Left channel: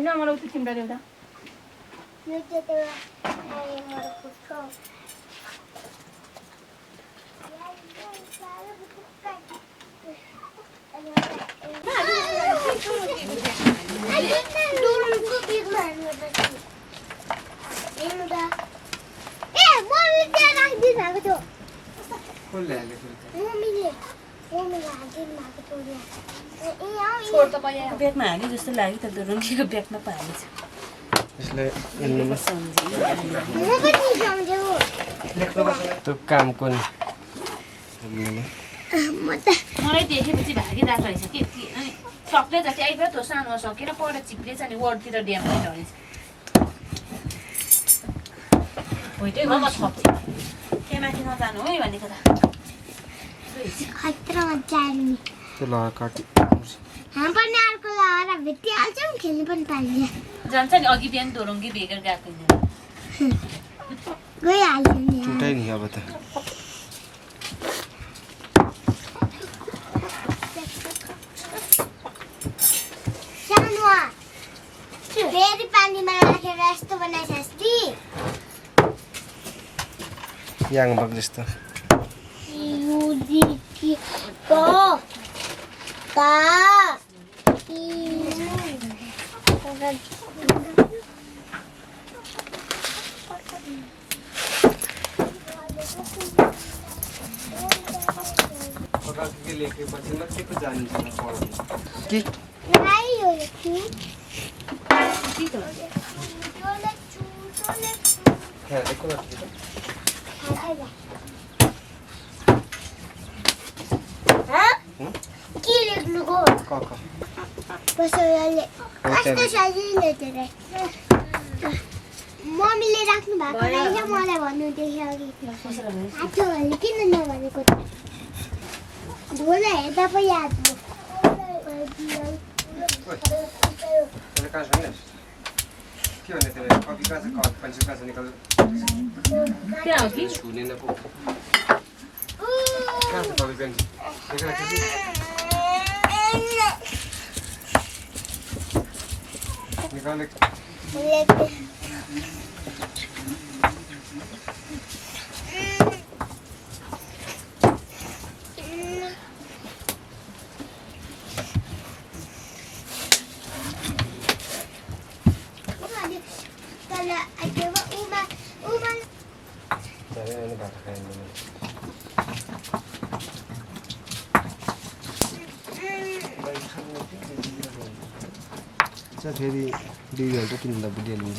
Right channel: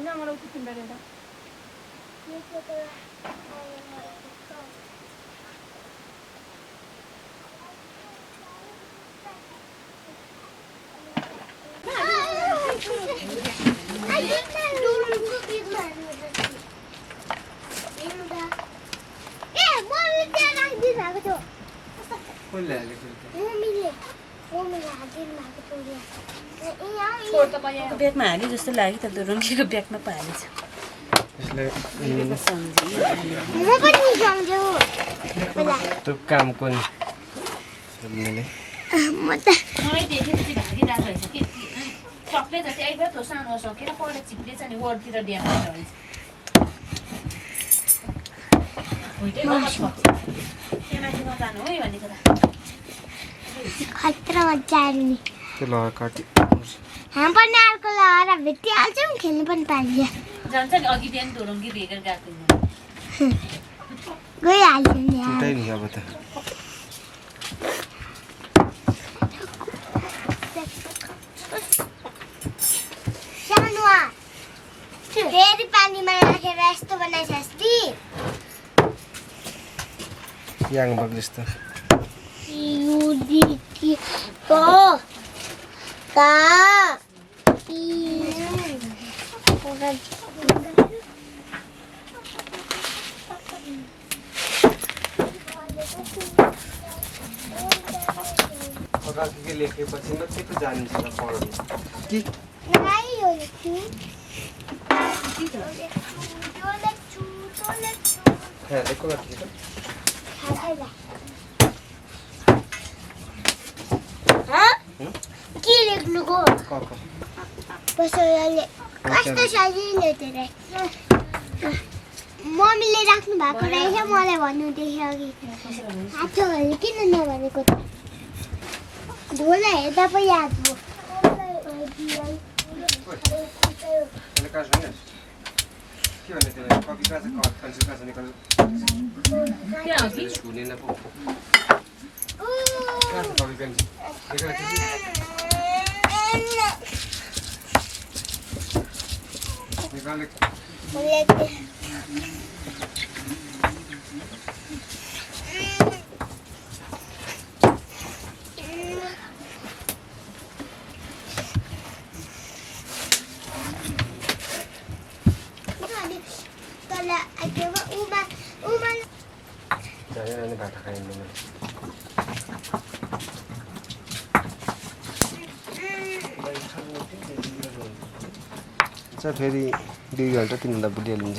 No, me lo estoy sin verdad. ब्यागमा हाल्यो जस्तो लाग्यो त रङ्गीको ब्यागमा पो हालेछ त्यो कामको नि मलाई देखेपछि भागिरहेको रहेछ कि सक्ने जति आइपुग्यो त्यो सानो सकेर पहिला चिप्लेछ नि वर्डतिर ड्याम रहेछ त्यहाँ माथि नजानु है भनेको त त्यो लहर काटी जान्छ नि अघि बिहान धोरङ्गी भेगेर गएको टुटाइ नि अब त फेरि पानीमा राखेर यस्तो बनाइस् ती याङ बग जस्तो लेखेपछि न के जानिन्छ कि के लेख्नुको कस्तो सजिलो थियो मम्मीले राख्नु भएको रहेछ मलाई भन्नुहुँदैछ अघि किन नभनेको त ढोला हेर्दा पो याद भयो फेरि 2 घन्टा 3 घन्टा बुझिहालिन्छ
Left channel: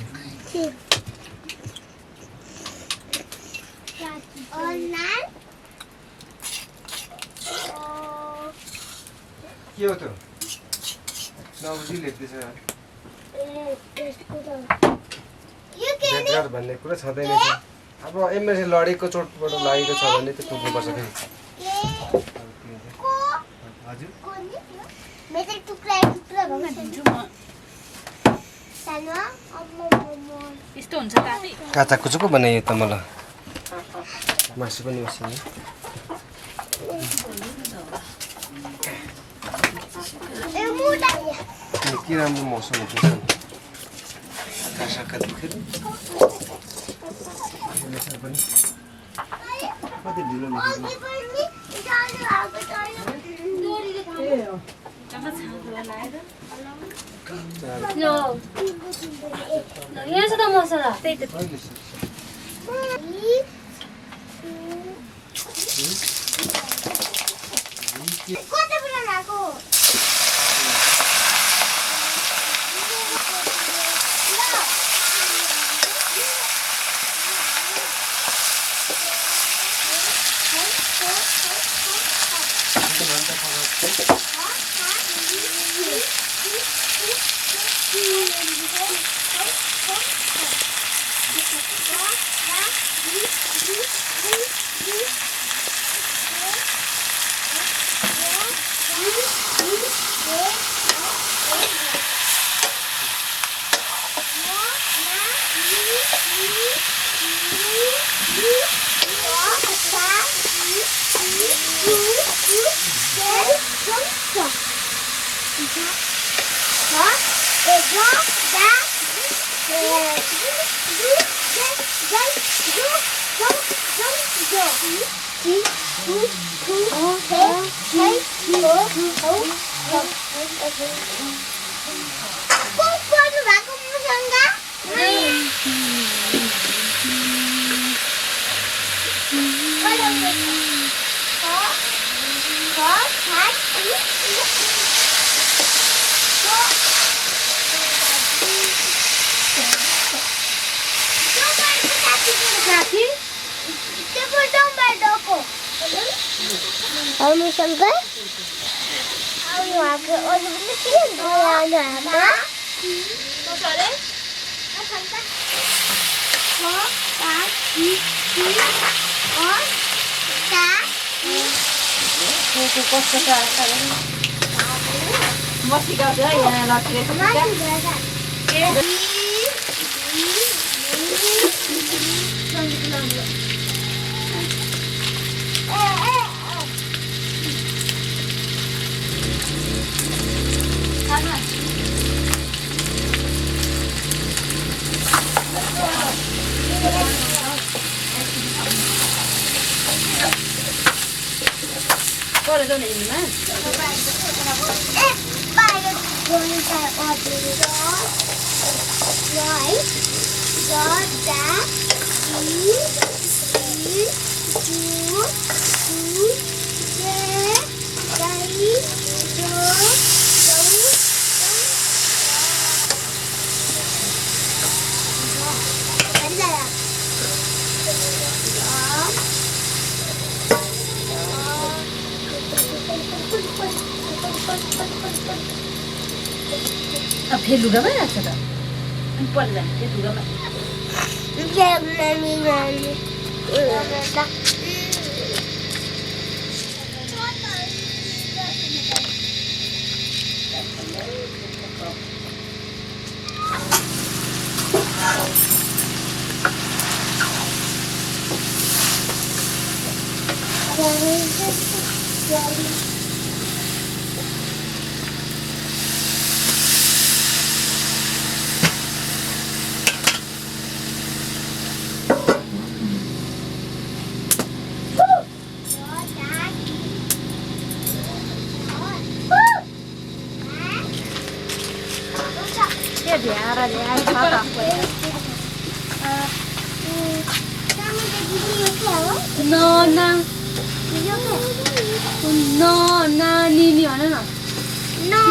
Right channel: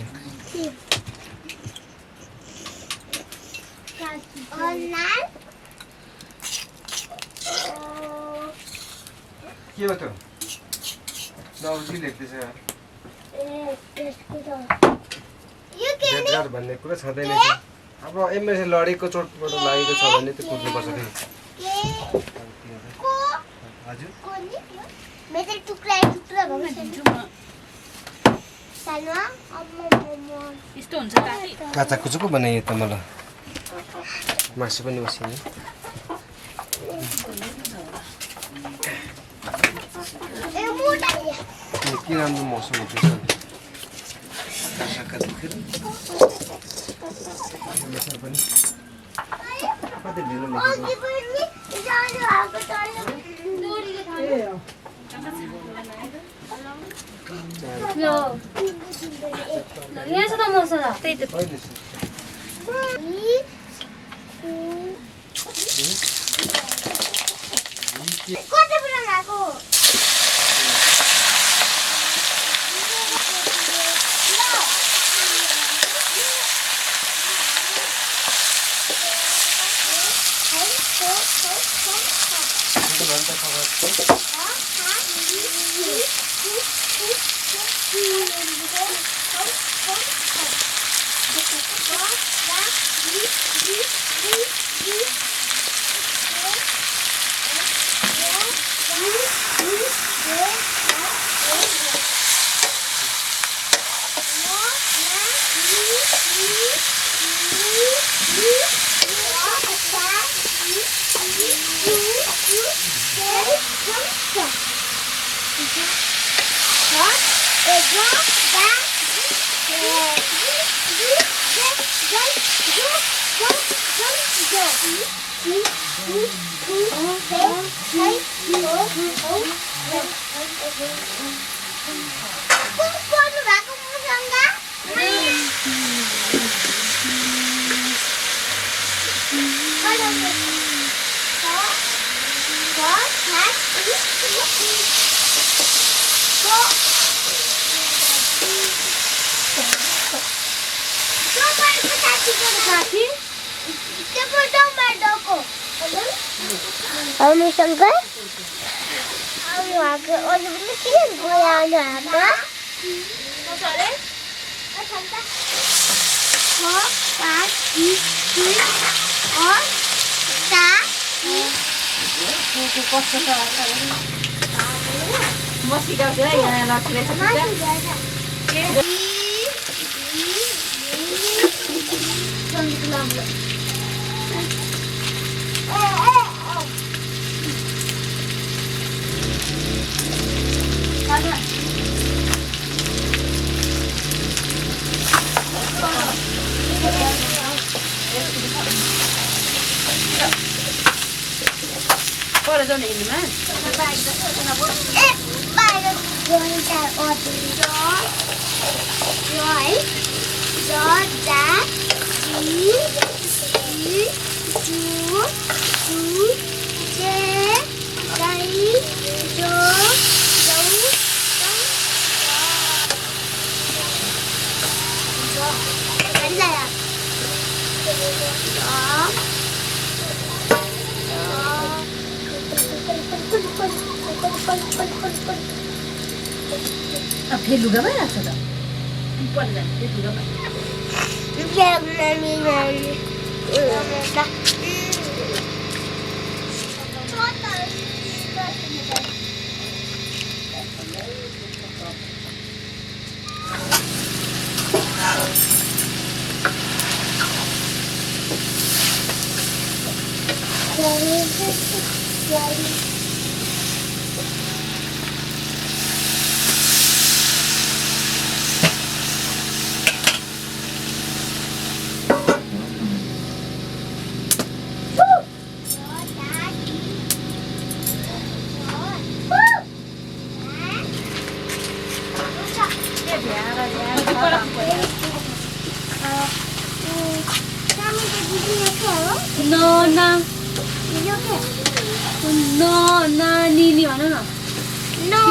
के हो त नबुझी लेख्दैछ बेकार भन्ने कुरा छँदैन अब एमएसए लडेको चोटबाट लागेको छ भने त्यो कुद्नुपर्छ फेरि हजुर मेरो टुक्रा टुक्रा दिन्छु म सानो यस्तो हुन्छ काटे काचाको चाहिँ को बनायो त मलाई मासु पनि उसिने के राम्रो मौसम हुँदैछ आकाश देखेर पनि कति ढिलो यहाँ छ त मसला त्यही त कता पुरा भएको Ini sangka, aku agak orang benda kira goyang agak. मसले म सिकाउँछु है यहाँ लक्ष्मीले What is on the man? अब फिर लुगा में आता था ऊपर जाके लुगा में No, no. No, no, Nili, no. No.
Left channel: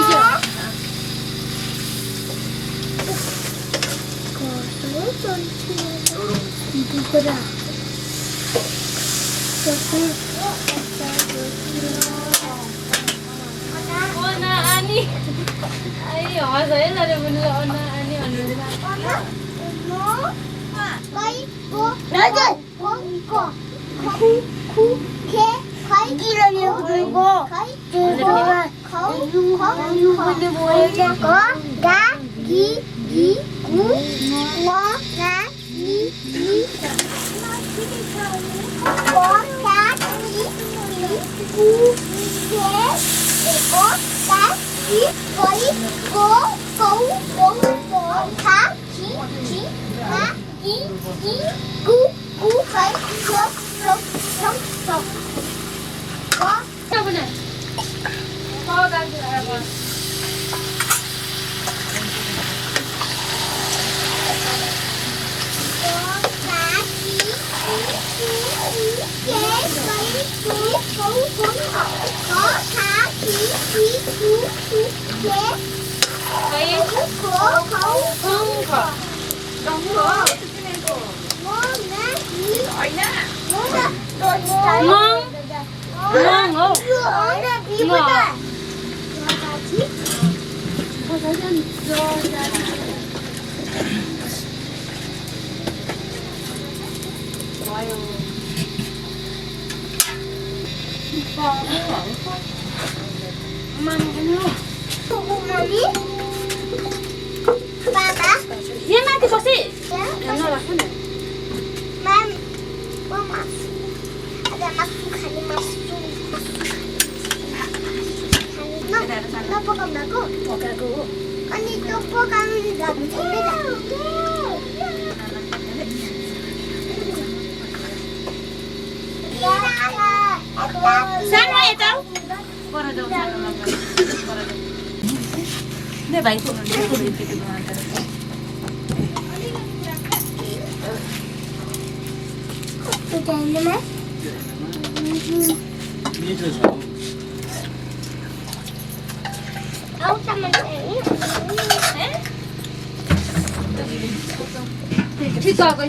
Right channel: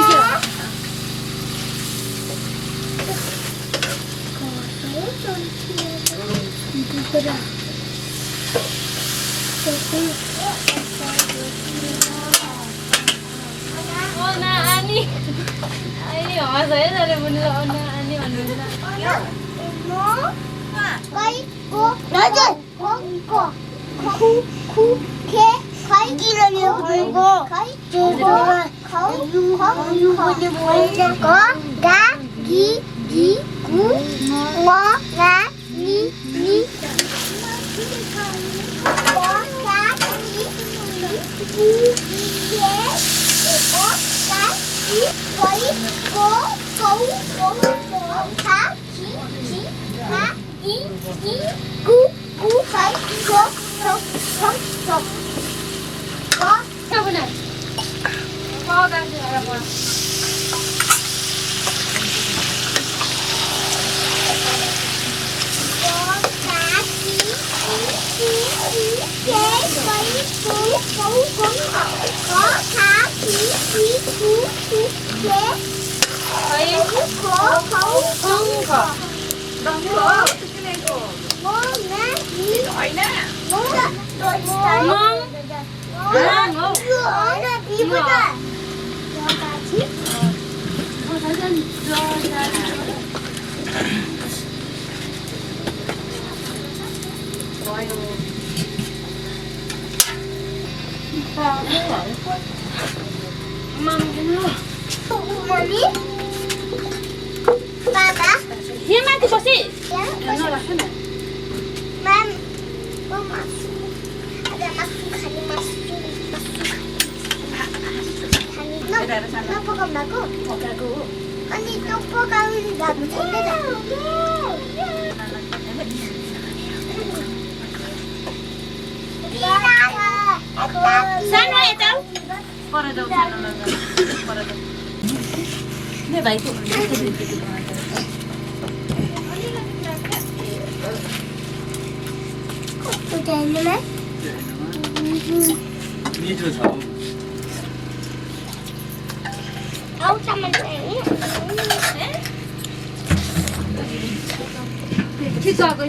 Ona Ani. Ai, hỏi rồi là mình là Ona Ani mà người ta. Quay cô. Nói rồi. Cô. Khu khe khói kia là nhiều cô. Chưa rồi. Khói có cá ghi cú ngó ngá ni. यहाँ माथि बसी नराख्नु न पकाएको हो अनि त्यो पकाउनु जानु सानो यता पर जाऊ सानो पर ले भाइ को मिठो छ आउँछ मान्छे ठिक गएको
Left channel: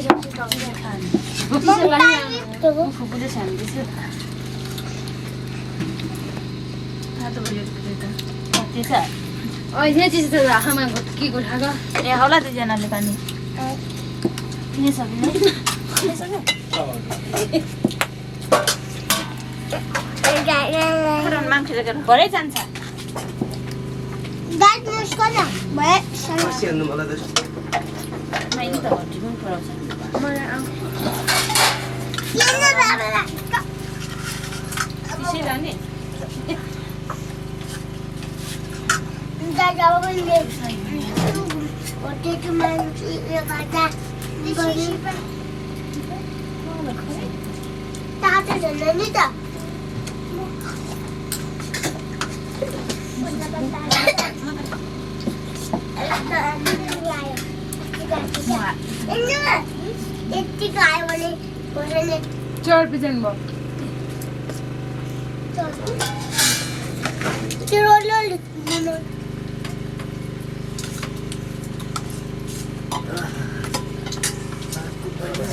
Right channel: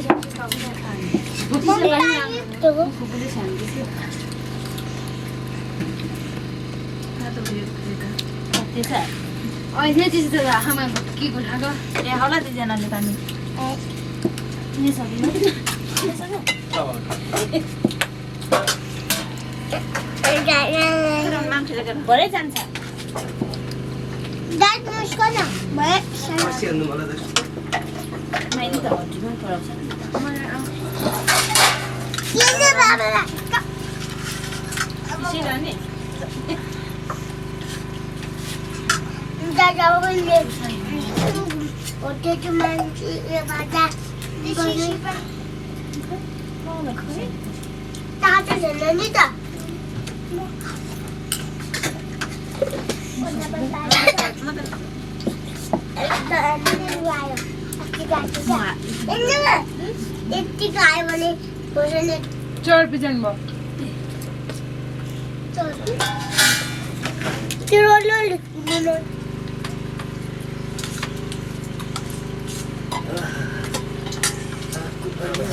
छ अहिले चाहिँ त आमा के को थाहा ए होला दुईजनाले पानी मान्छेले गर्नु भरै जान्छ बसिहाल्नु मलाई मैले त हड्डी पनि कराउँछ त्यसै लाने यतिको आयो भने चढ बिजन भयो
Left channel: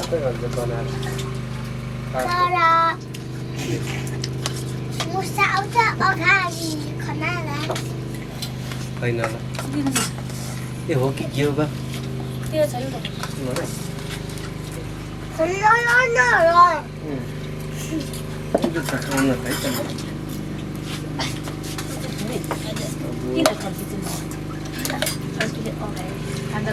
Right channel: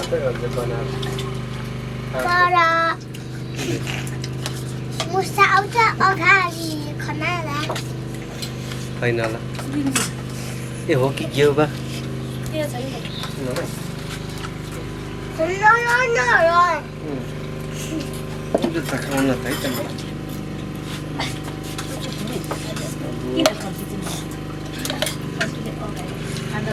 सबै घरले बनाएर मुसा आउँछ अगाडि खनाला होइन होला ए हो कि के हो बा त्यो छ नि खाउन त है त किन सब्जी चाहिँ अगाडि खाँदा